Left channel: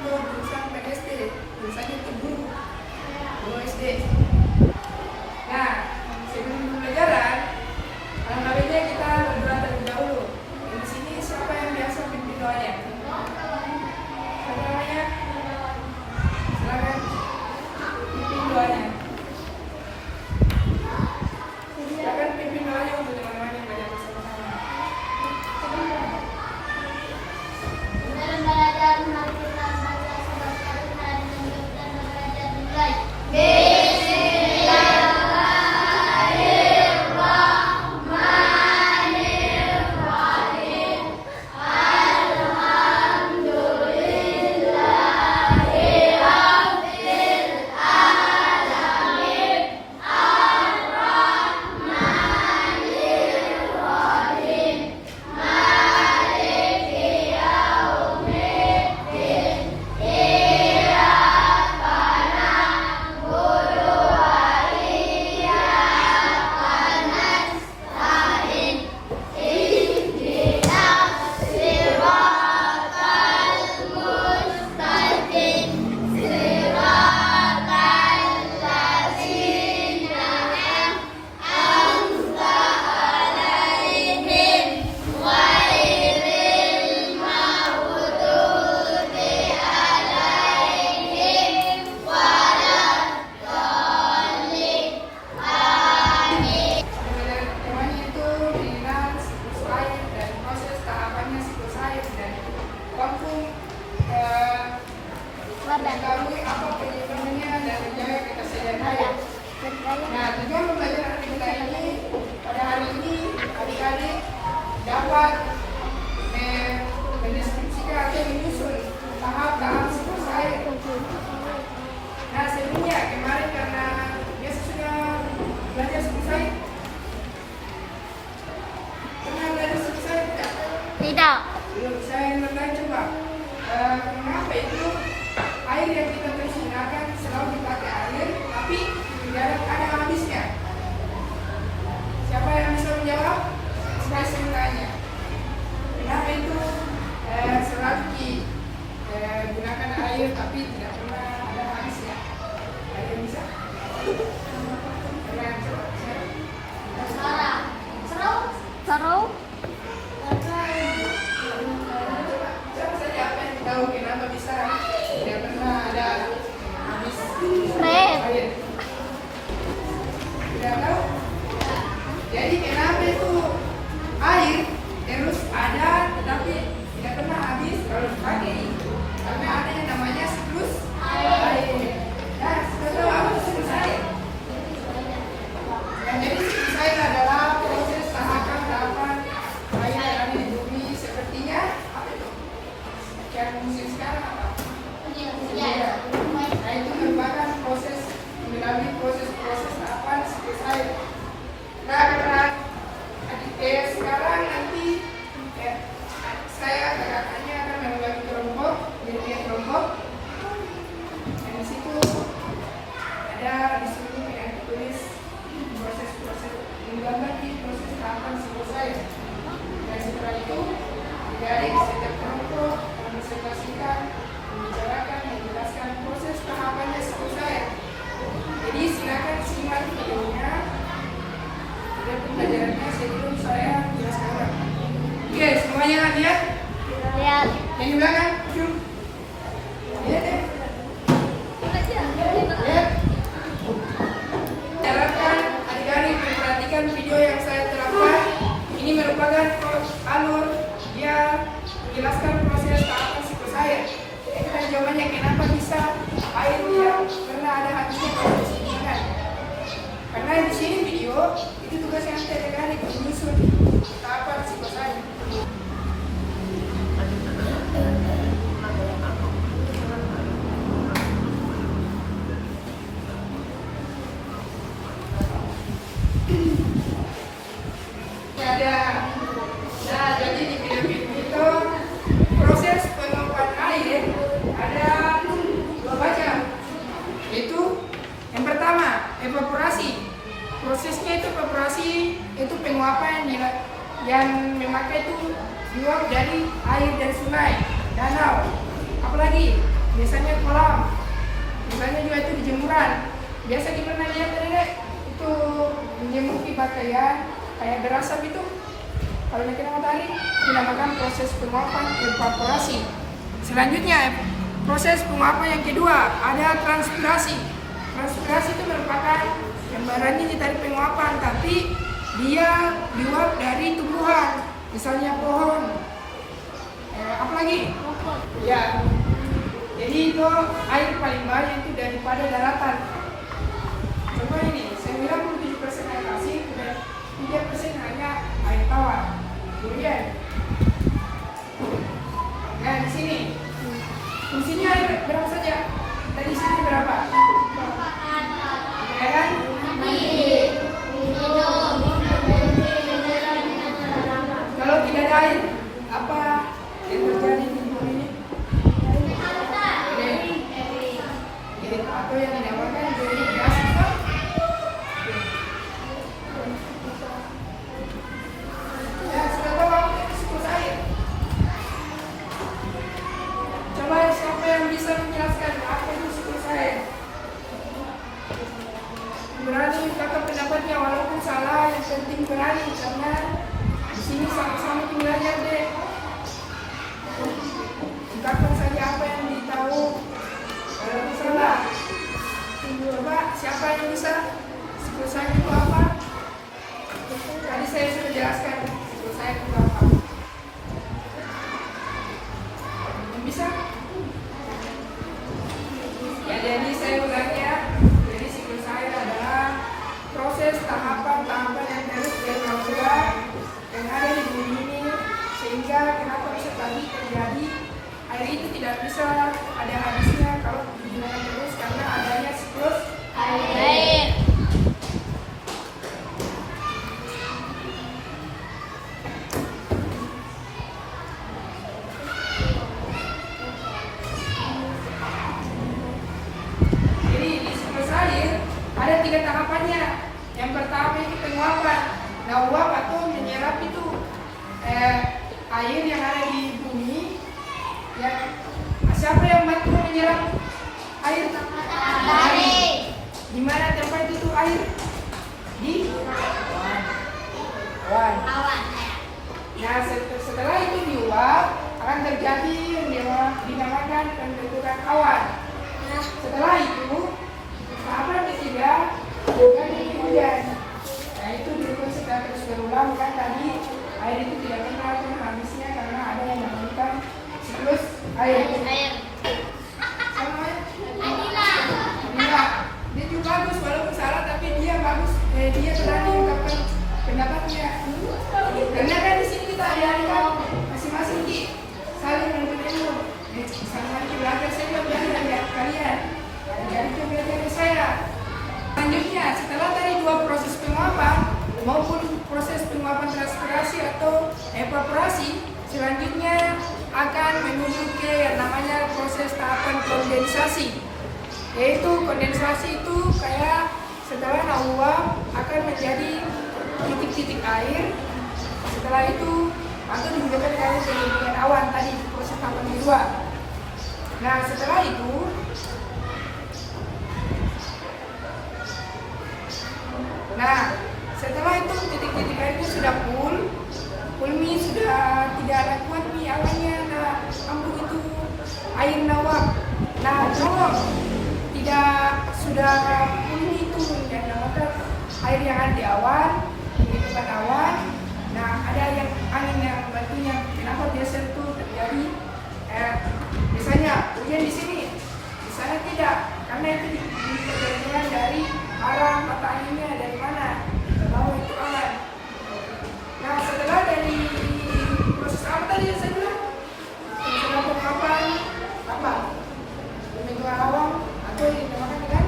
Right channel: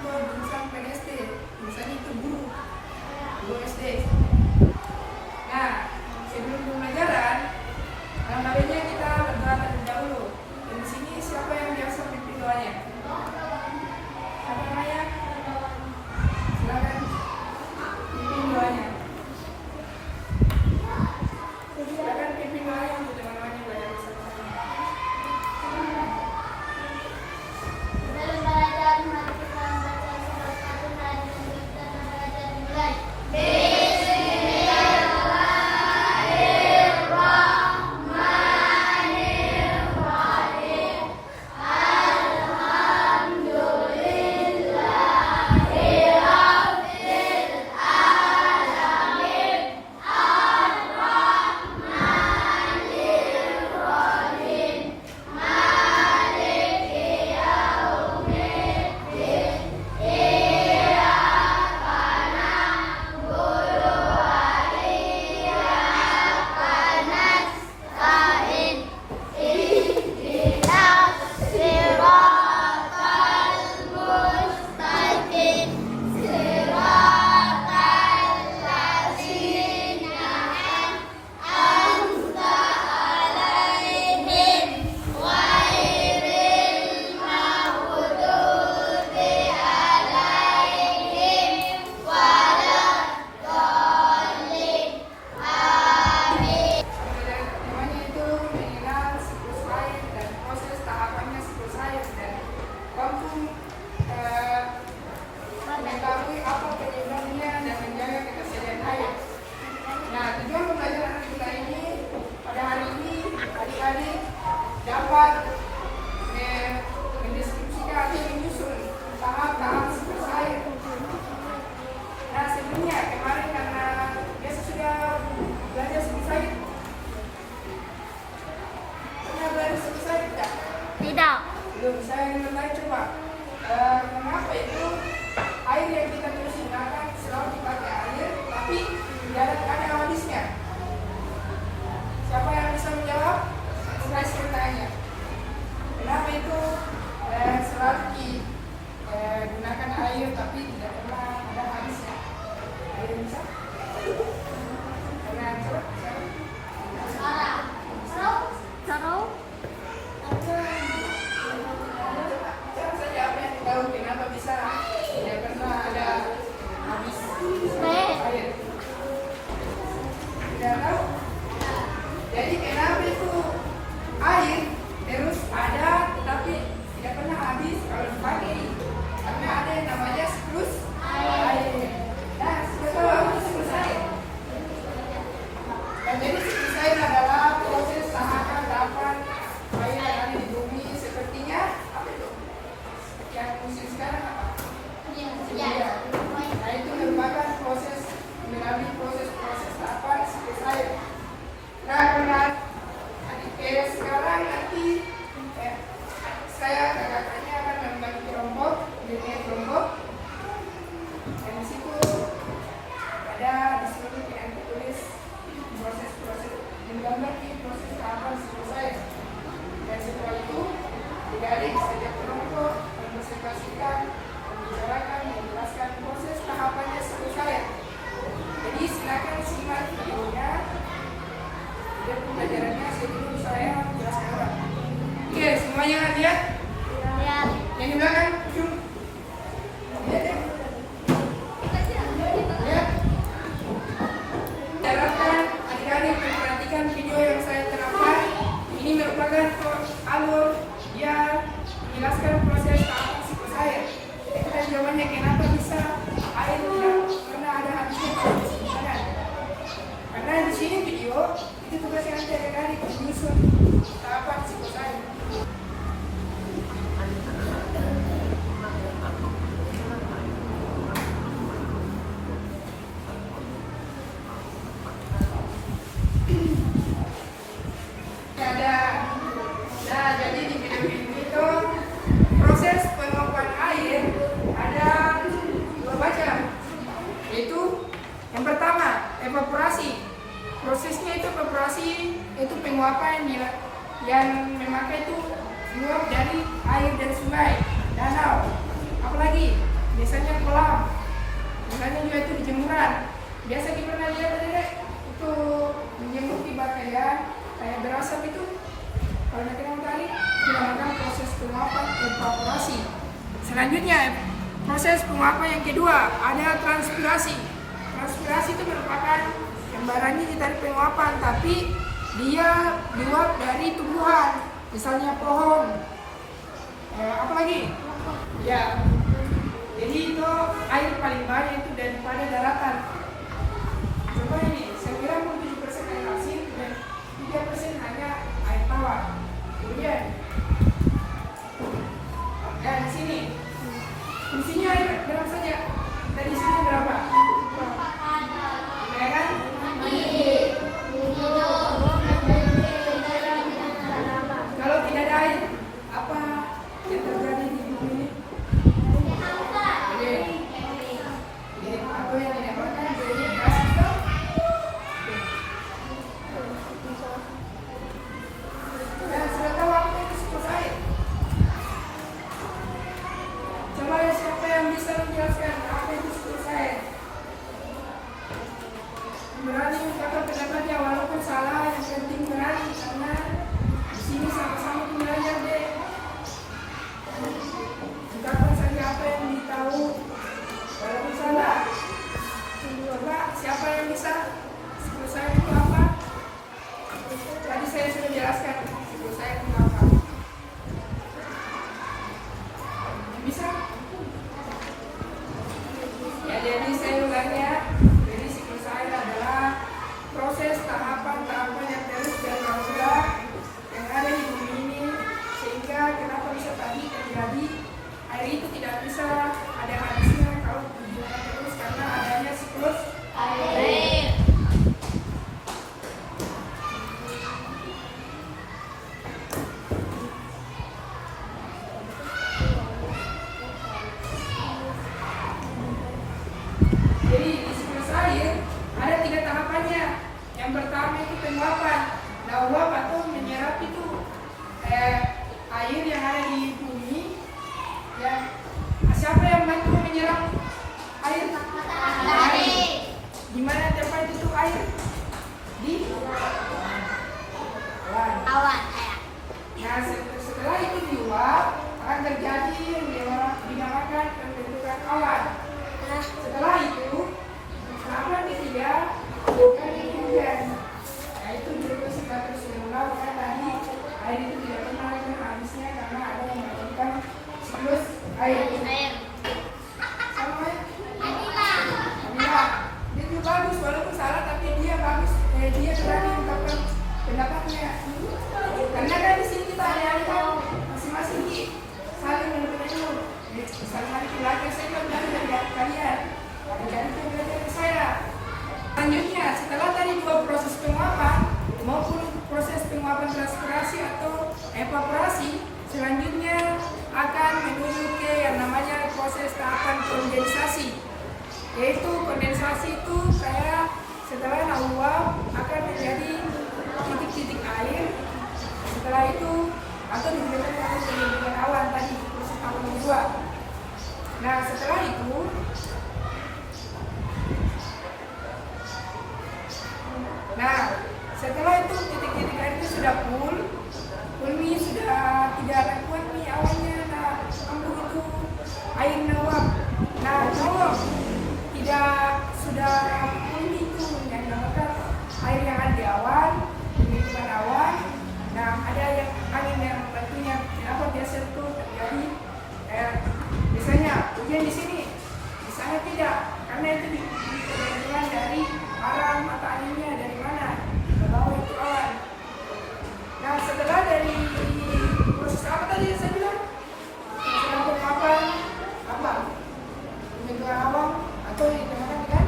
mau jurusan PNSD, jurusannya itu guru SD. Nah, sebelum pembelajaran, alangkah baiknya kita berdoa terlebih dahulu. Di sini siapa yang biasa pimpin doanya? Apa namanya? Silakan pimpin doanya. Silakan pimpin doanya untuk teman-teman yang belajar bersama-sama. Mengetahui apa penyebabnya dan menjaga ketersediaan air. Nah, tujuan pembelajaran kita ini pada hari ini adik-adik dapat mendeskripsikan atau menyusun tahap-tahap siklus air. Nah, sebelumnya kemarin karena biasa sudah belajar siklus air. Pernah belajar siklus air tidak? Tidak. Belum. Saya bertanya coba. Kenapa itu air yang kita terus gunakan selalu kita pakai air, tapi tidak ada habisnya? Siapa yang bisa menjawab? Saya sebenarnya. Kenapa itu selalu digunakan air, tapi tidak pernah ada habisnya? Ada yang bisa? Karena coba. Seru. Siapa saja apa yang tahu kenapa bisa tidak pernah ada habis air? Tidak tahu. Jadi kenapa itu air terus ada tetapi tidak pernah habis kalau dipakai? Karena ada yang namanya siklus air. Nah, sudah tahu apa itu siklus air? Dan jadi siklus air adalah proses tahapan air yang ada di bumi. Sepertinya apa itu? Yang musim sekarang apa? Ya. Nah, itu merupakan proses melalui proses tahapan siklus air. Nah, karena sekarang nanti saya kakaknya akan membuat kelompok, jadi kelompok. Dan di situ ada di sini yang ditulis proses-proses menggambar di proses tahapan siklus air. Dan setelah itu adik-adik setiap kelompok mempresentasikan, membicarakan, menjelaskan proses tahapannya siklus air. Jadi silakan simak videonya. Dan pembelajarannya sebelum saya jelaskan orang. Oke, semuanya lihat? Lihat. Yang di belakang, cium. Lihat ya? Lihat. Jalankan adik-adik memperhatikan video yang saya terapkan. Ini merupakan alur dia menjelaskan proses tahapan siklus air. Jadi tadi jawabannya kenapa bisa air tidak pernah ada habisnya kalau disediakan. Karena di sini video itu tugas yang saya adik-adik menyusun tahapan siklus air. Nah, jadi di video itu proses penguapan air ada dua macam, yaitu yang pertama evaporasi. Prosesnya itu evaporasi, itu penguapan yang memakai itu diuap dari air dari sungai, danau. Apalagi biasanya kolam, misalnya juga itu di jemuran. Biasa gimana lihat Dek? Itu menjemur di pakaian kayak berasap itu. Kalau kena matahari dinamakan proses penguapan evaporasi. Selanjutnya proses penguapan yang kedua ada transpirasi. Transpirasi itu merupakan gambarannya di tadi penguapan, tapi dia diuap dari tumbuhan, misalnya pohon. Apa lagi? Ya. Jadi itu air paling banyak itu daripada daratan. Contoh ini, 97% air asin dan 3% hanya air tawar. Kemudian, nah di sini fungsinya air berapa saja? Tadi sini berapa? Ya kan? Kalau tidak ada air, apa yang terjadi di bumi ini? Atau yang dinamakan jadi gas itu? Ya, sudah tahu apa itu siklus air? Coba siapa yang bisa menjelaskan apa itu siklus air? Berani ungkapkan pendapatnya walaupun salah, yang penting berani karena di sini sama-sama belajar deh. Ungkapkan saja apa yang ditahu walaupun salah. Coba siapa yang bisa? Siklus air itu apa? Tadi saya sudah jelaskan siklus air itu apa. Yang bisa? Ya, jadi saya ulangnya. Jadi siklus air adalah proses tahapan-tahapan yang terus berulang yang ada di bumi ini, sehingga kenapa bisa tadi terjadi air itu tidak bisa ada habisnya kalau digunakan terus karena adanya siklus air. Jadi di siklus air ada 3 tahapannya. Yang pertama itu penguapan. Nah, uap atau menyerap itu air yang ada di bumi. Ya, siapa yang bantu menyerap air? Matahari. Di mana tempat itu air? Di awan. Nah, setelah itu diuap akan terjadi yang dinamakan pembentukan awan. Nah, setelah itu tahapan ketiga bukan hujan. Nah, itu juga sudah terus berulang kan tadi air itu tidak pernah habisnya karena ada yang dinamakan siklus air. Sama Adila. Dia juga bagus walaupun salah tapi dia bagus. Dia berani mengungkapkan pendapatnya. Karena kan di sini kita ada masing-masing saling menuntut ilmu. Saling belajar, saya juga belajar dari kalian. Jadi itu belajar dari saya. Selanjutnya, setelah tadi 2 proses penguapan maupun proses penguapan transpirasi atau evaporasi, selanjutnya akan menuju ke yang namanya proses tahapan kondensasi. Yaitu kondensasi itu kayak setelah uap akan menjadi titik-titik air. Setelah itu atau digunakan kali dengan awan tadi proses tahapan kedua. Nah, setelah itu titik-titik airnya sudah full nih sudah tidak ada kuat nih awannya. Nah, ambuk itu air nawab. Nah, kalau tidak sudah full itu yang dinamakan air yang ada di awan, pembentukan awan. Nah, ada yang angin yang membantunya. Kenapa biasa itu terjadi? Biasanya hujan di sini, di sana tidak, karena itu tergantung dari arah mata anginnya dari mana ke bawah itu awan. Nah, setelah dari proses apa tadi saya bilang? Sedang penguapan apa? Pembentukan awan atau yang dinamakan dengan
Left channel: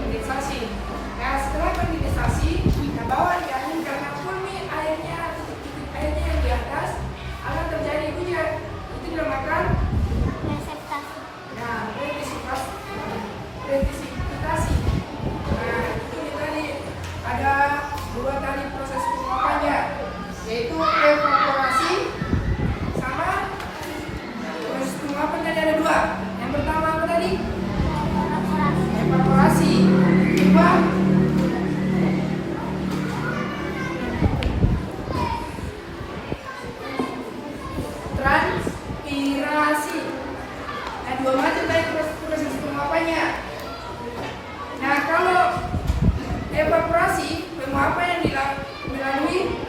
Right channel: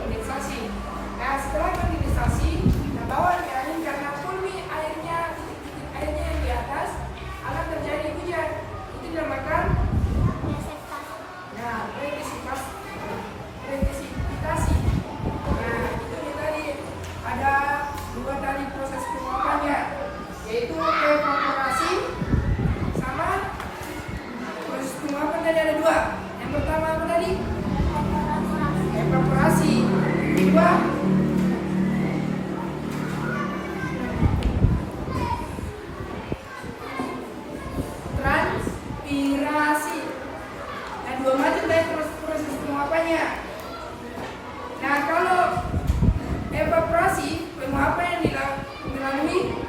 kondensasi. Nah, setelah kondensasi, kita bawa di angin karena full nih airnya, titik-titik airnya yang di atas akan terjadi hujan. Itu dinamakan presipitasi. Nah, tadi ada dua. Yang pertama apa tadi? Evaporasi. Kedua, transpirasi. Nah, dua macam tadi proses penguapannya. Nah, kalau evaporasi, penguapan yang dilalui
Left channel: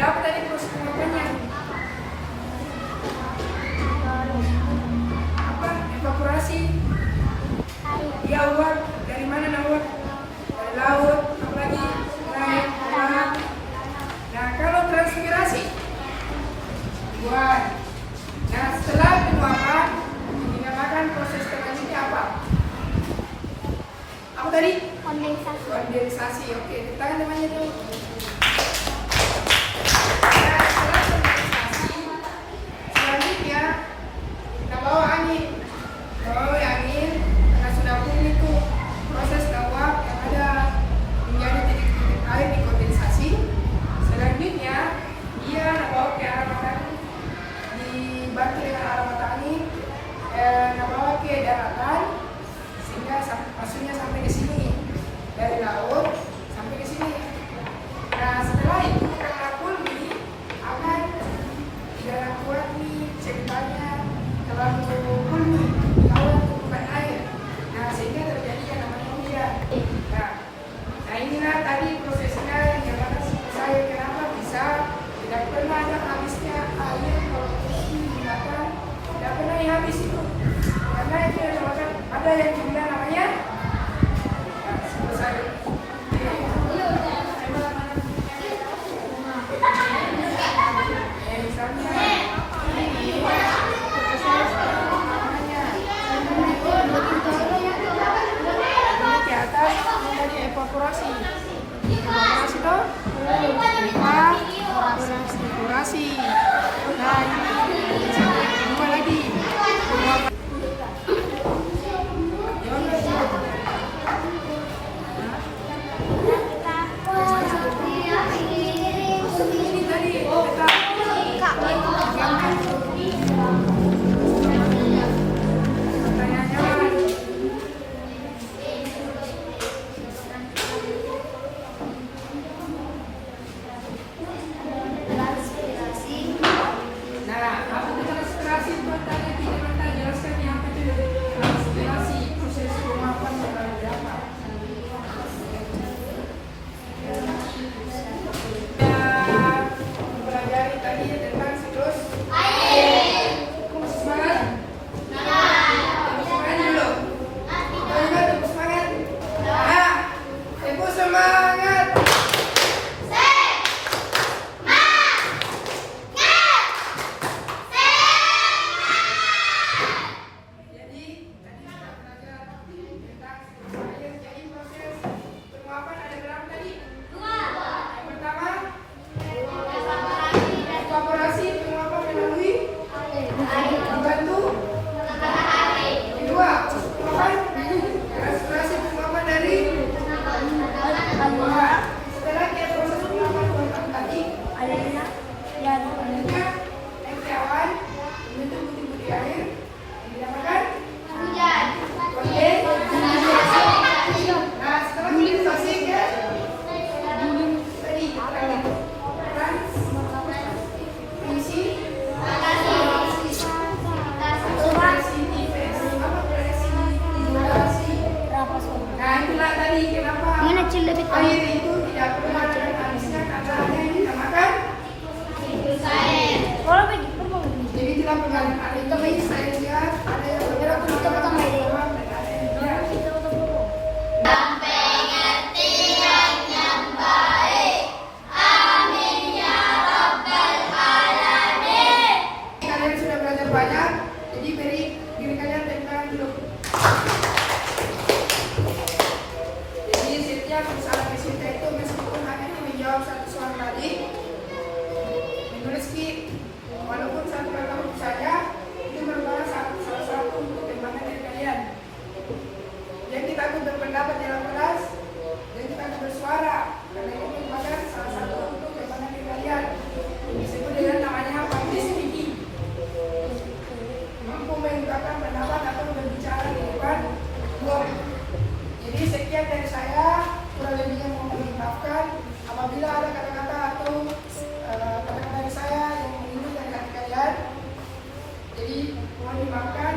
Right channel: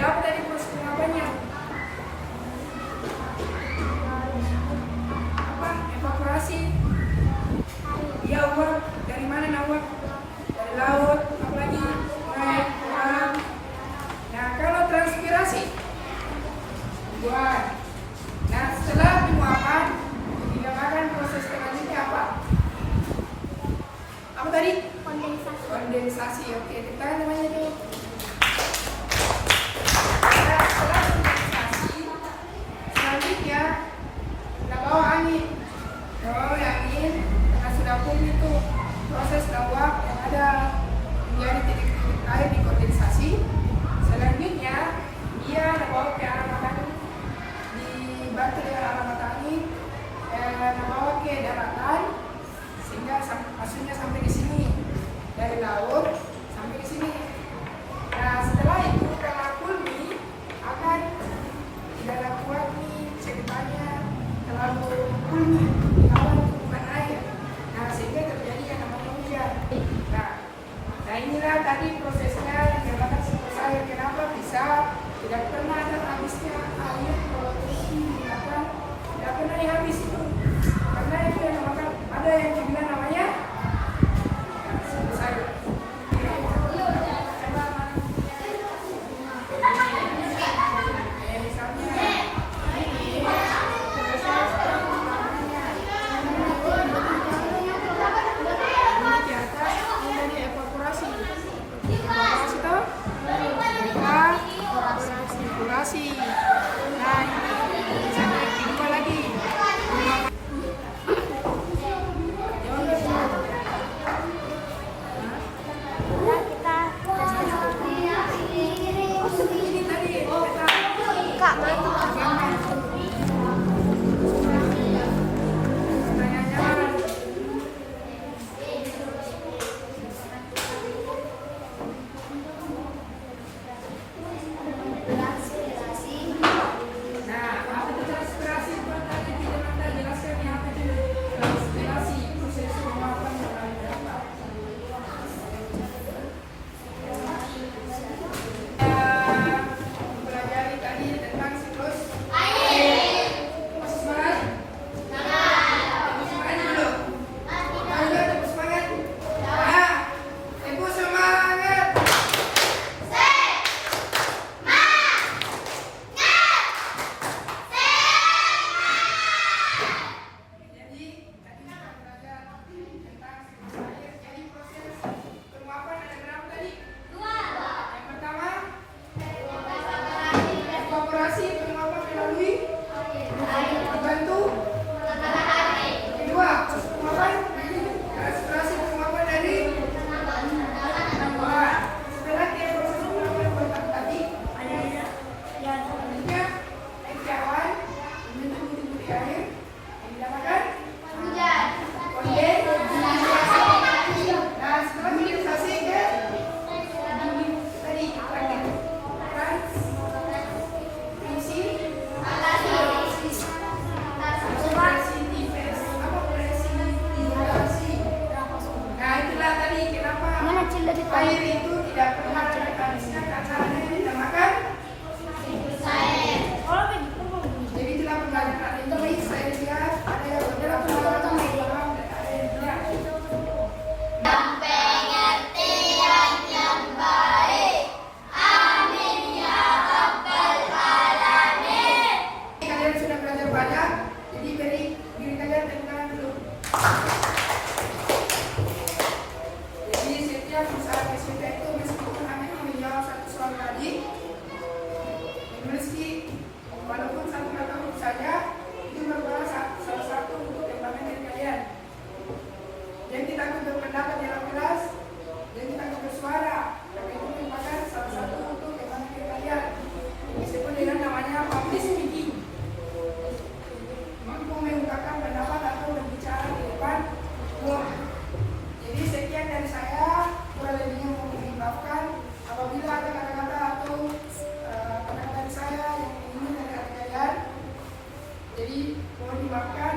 apa tadi proses penguapannya? Apa? Evaporasi. Dia uap dari mana nah uap? Dari laut, apalagi naik malam. Nah, kalau transpirasi buat. Nah, setelah penguapan dinamakan proses selanjutnya apa? Apa tadi? Kondensasi. Kondensasi. Oke, kita kan namanya tuh. Nah, setelah kondensasi, selanjutnya kita bawa angin. Bawa angin karena sudah pun itu proses uap yang ada menjadi titik-titik air di kondensasi. Selanjutnya dia bawa ke arah matahari, dibantu dengan arah matahari, bawa ke daratan sehingga maksudnya sampai ke sini dari laut sampai ke sini. Nah, setelah itu karena kulmi akan tidak kuat nih ceritanya terlalu kulmi di awal tumpukan air. Nah, sehingga terjadi yang namanya hujan. Nah, inilah tadi prosesnya yang dinamakan siklus air. Kenapa bisa tidak pernah ada habisnya air kalau digunakan, tidak pernah habis itu. Karena itu yang dinamakan ada yang dibilang namanya siklus air. Misalnya ini namanya di atas ini dari evaporasi. Evaporasi toh? Evaporasi. Nah, ini sampai kedua lagi. Penguapan. Ini tadi peta. Nah, mau dimakan